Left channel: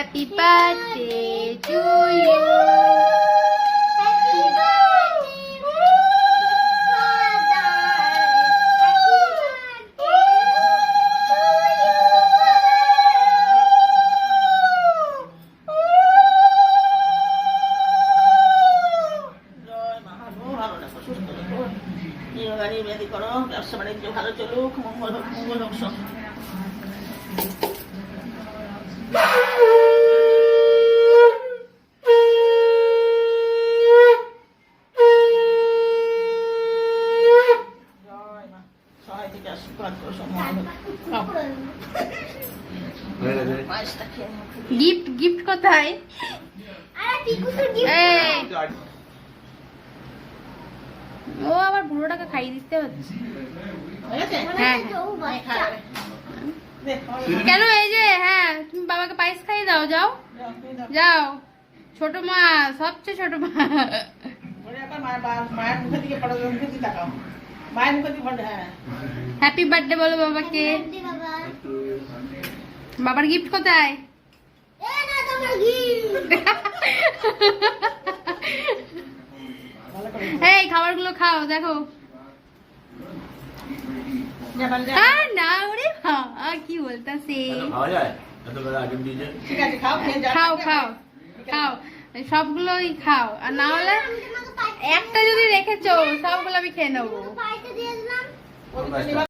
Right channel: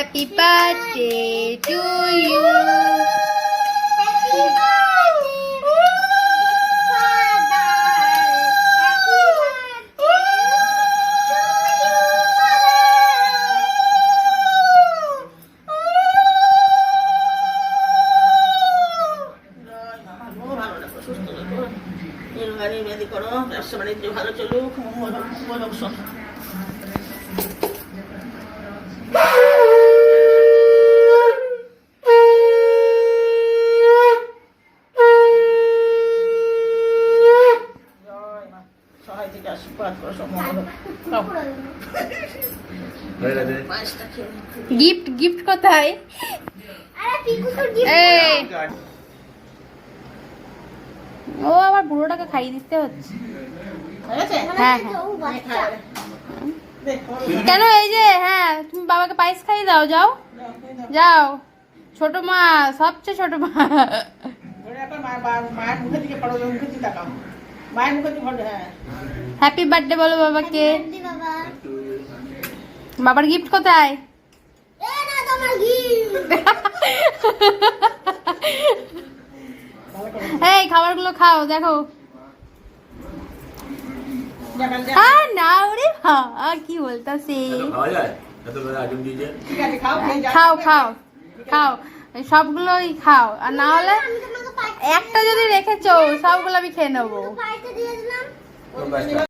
Happy birthday to you. Happy birthday, Father. Happy birthday to you, Father. ব্যবসা বাণিজ্য ভালো চলুক, মঙ্গল হোক, মঙ্গল হোক সব। সবাই থেকে আশীর্বাদ করো, সব মঙ্গল হোক। পায়েসটা খেয়ে নাও। গিফট গিফট কোথায়? এই, ও আবার বুড়োটাকে খাইয়ে দিতে হচ্ছে। হয়েছে? হ্যাঁ হ্যাঁ। দে, তোমার কেন? এই যে হ্যাঁ, তুমি বাবাকে পায়েস খাইয়ে দাও, যাও যাও। ছোট মা, সবচেয়ে ছোট মা। ধরে রাখো, মায়ের মুখের দিকে পড়ো, মুখের দিকে তাকাও। মায়ের মুখের দিকে পড়ো, হ্যাঁ। হ্যাপি বার্থডে বলো বাবাকে। বাবার গিফট কোথায়? এই খাবারগুলো খাও, দেখো। আর না, ওরে কি বলতাছে। ঠিক আছে, খাও, খেয়ে যাও। খাও খাও খাও, সবগুলোই খাও। আর না হলে একটা যদি রেখেছো, সবগুলো আমি খেয়ে নেবো।